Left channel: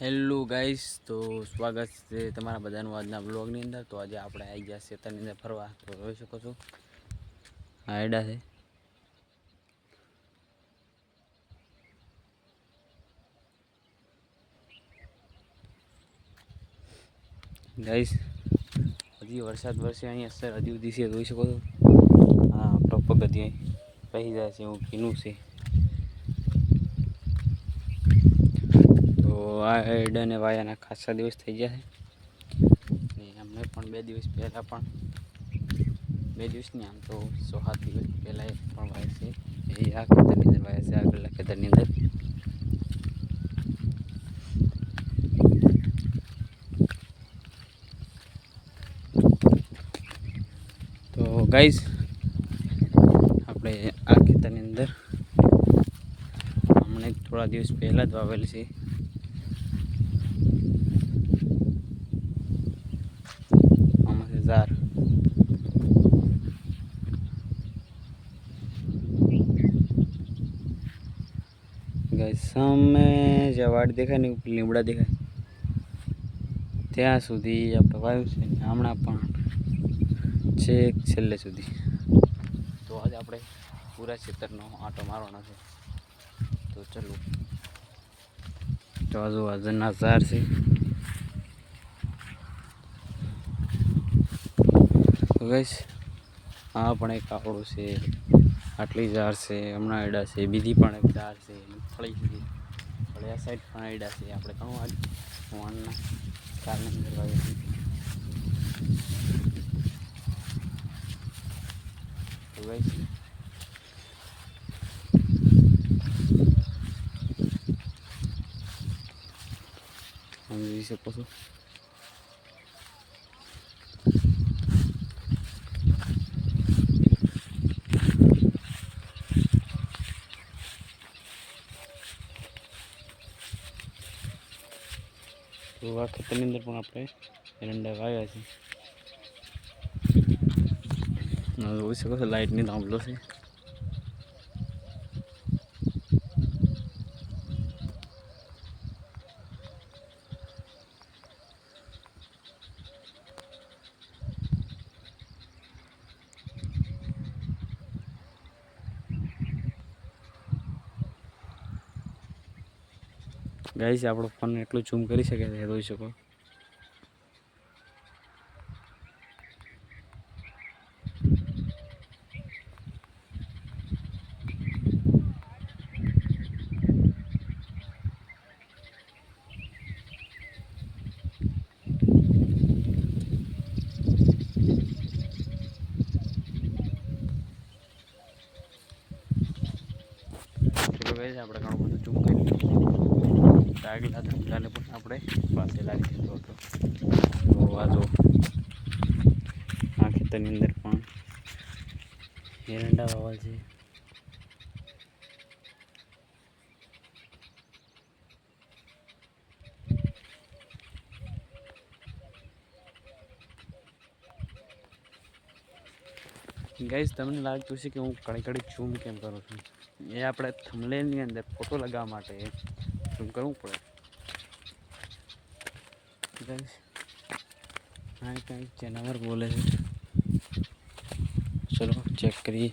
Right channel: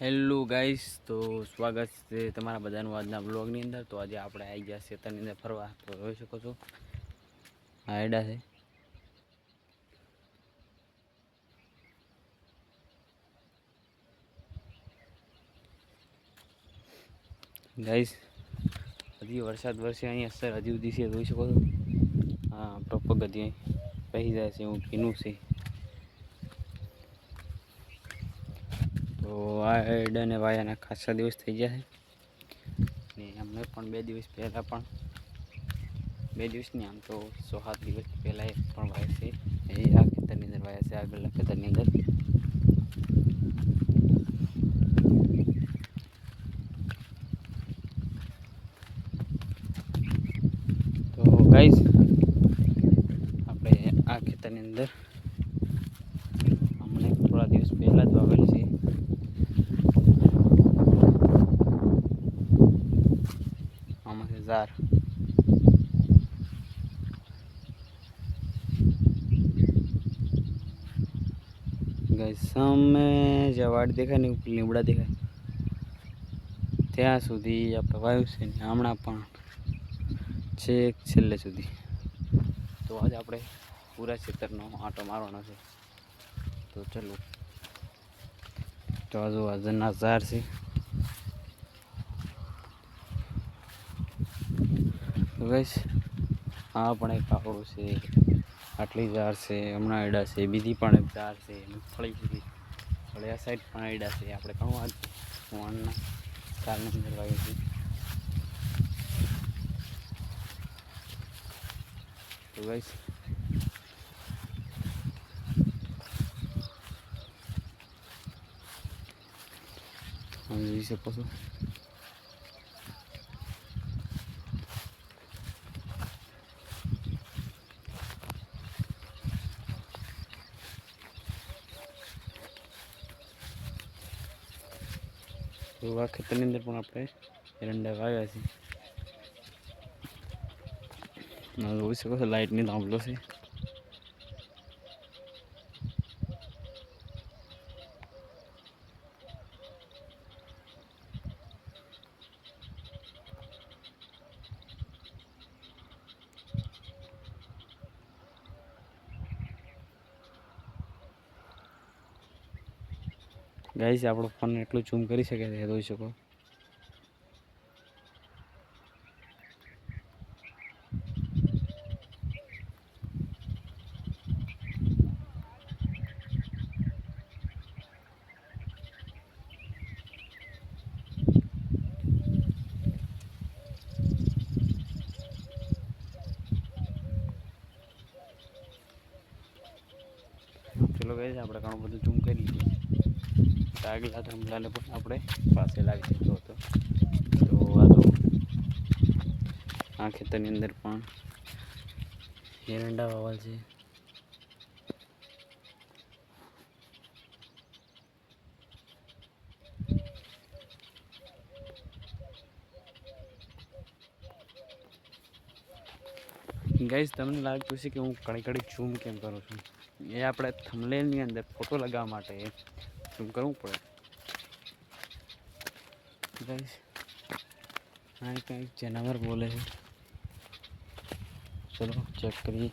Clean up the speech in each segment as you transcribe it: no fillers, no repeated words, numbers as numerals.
Hello guys, તો સ્વાગત છે તમારા બધાનું આજના બ્લોગની અંદર। તો આજે આપણે આવી ગયા ખેતરની અંદર ફરવા। તો જોઈ શકો છો આ આયડા છે ગાઈસ। હજી વરસાદ વરસે અહીંયા સર હજી સુધી છે, જોઈ શકો છો। હા, પગથિયે પહેરી જાય છે એવું ભીનું છે। તો આ આયડાને વાયાના ખાસા દિવસ થઈ ગયા છે ને અમને પણ 2 દિવસ પહેલાં પણ 2 દિવસ નહીં, આમ તો 6-7 દિવસ પહેલાં પણ વાયા છે। એ આ ખેતરની અંદર વાયા છે, આગળના ખેતરની અંદર। તો ગાઈસ, આપણે આ ખેતરની અંદર અમને થોડા દિવસ પહેલાં જ વાવેલ છે। આમાં છે ઝાર। ગાઈસ, સામે જે વાડ દેખાય ને ઉપર લીમડા દેખાય ત્યાં સુધી આપણે વાવ્યું છે ને હમણાં પણ છેક છેલ્લે સુધી। તો આજે આપણે પૂરા ખેતરનો આંટો મારવાનો છે। તો ચલો, તો આજુબાજુના ઝાડ છે। તો ગાઈસ, આ પણ એક આપણું છે, આટલી ઝાડ છે, હમણાં આયડા છે। બીજી પણ એક ઝાડ છે, મગફળી છે, ફળી આ સાઈડ પણ આયડા છે। આપણે ઘણું આજ વણના કાળની અંદર વાવ્યું છે। તો ગાઈસ, તમે જોઈ શકો છો તો આ ખેતરની અંદર પણ આપણે એરંડા વાવ્યા છે। જોઈ શકો છો લાઇટની થાંભલો છે। ગાઈસ, આપણો ફોન એટલું ઝૂમ કરી શકે છે, જોઈ શકો। ચલો ગાઈસ, આપણે ઘણું બધું ઝૂમ કરી આગલા થાંભલાને પણ આપણે પાસે લાવી દીધો હતો। તો આ જો આ ખેતરની અંદર પણ એરંડા વાવલ છે। ગાઈસ, તમને લાગતું છે કે હું કડી ઝૂમ કેમ કરું છું? એ આપણે થંબનેલની અંદર ફોટો લગાવવા માટે ઝૂમ કરવું પડે। ગાઈસ, આ કંઈક જાનવર બોલે છે, ચલો ચેક કરીએ।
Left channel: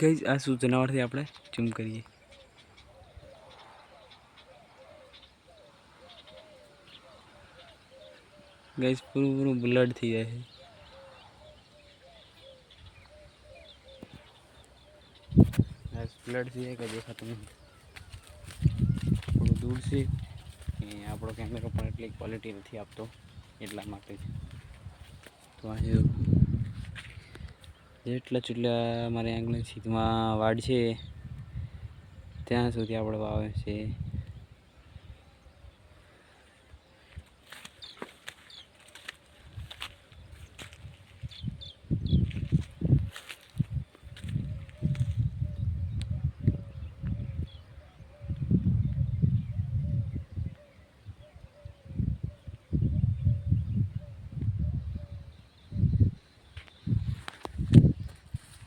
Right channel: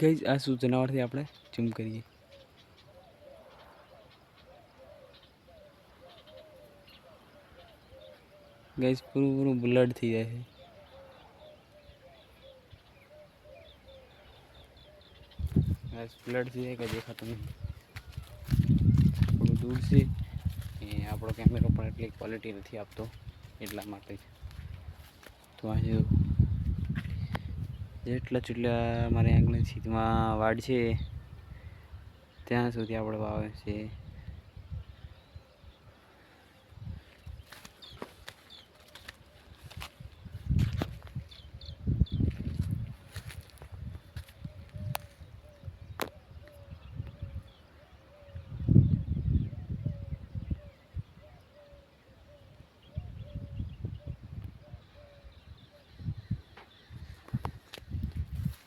ગાઈસ, આ શું જનાવરથી આપણે ઝૂમ કરીએ। ગાઈસ, પૂરું બ્લડ થઈ જાય છે। ગાઈસ, બ્લડ થઈ જાય કે દેખાતું નહીં, થોડું દૂર છે એ આપણો કેમેરો પણ એટલી ક્વોલિટી નથી આપતો, એટલા માટે જ। તો આજે જેટલા મારી આંગળી સીધમાં વાડ છે ત્યાં સુધી આપણે વાવે છે।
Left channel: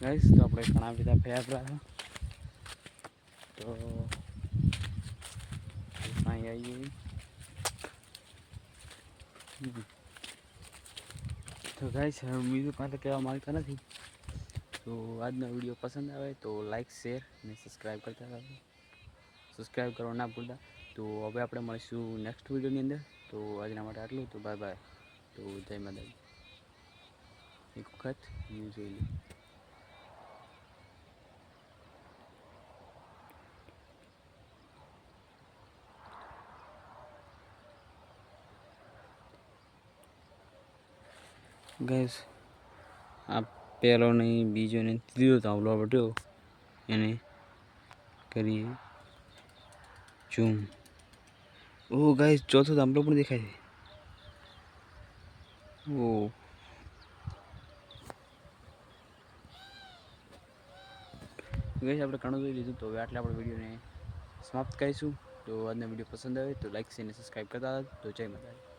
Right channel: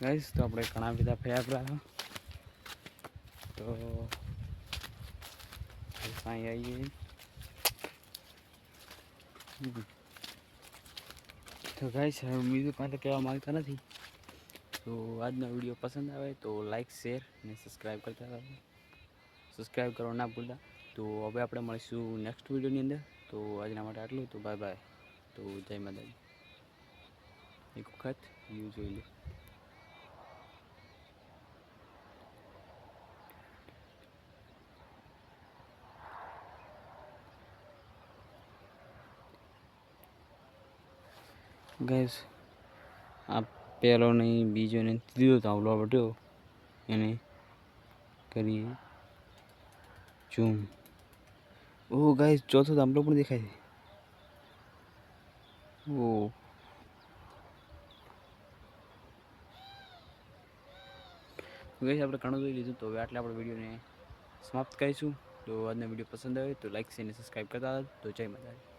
ગાઈસ તો આપણે ઘણા બધા ફર્યા હતા તો અહીં આવીએ તો ગાઈસ બીજું કાંઈ તો કહેવા માંગતા નથી. તો આજનો વિડીયો પસંદ આવે તો લાઈક શેર અને સબસ્ક્રાઈબ કરતા રહો. સબસ્ક્રાઈબ કરવા ના ભૂલતા. તો હવે આપણે મળીશું નેક્સ્ટ વિડીયોની અંદર. તો આજના માટે આટલું. તો બાય બાય. તો જય માતાજી. એક વખત વ્યૂ જોઈ લો. ગાઈસ આ પહેલો નહીં, બીજો નહીં, ત્રીજો ધાવલો બટ્યો એને કરીએ ઝૂમ. ઓહ ગાઈસ ચોથો ધાવલો પણ દેખાય છે. ઓહ ગાઈસ આપણે ઘણું જોઈ લીધું. તો હવે આટલે આપણે વિડીયોને સમાપ્ત કરીશું. તો આજનો વિડીયો પસંદ આવે તો લાઈક શેર અને સબસ્ક્રાઈબ કરતા. તો જય માતાજી.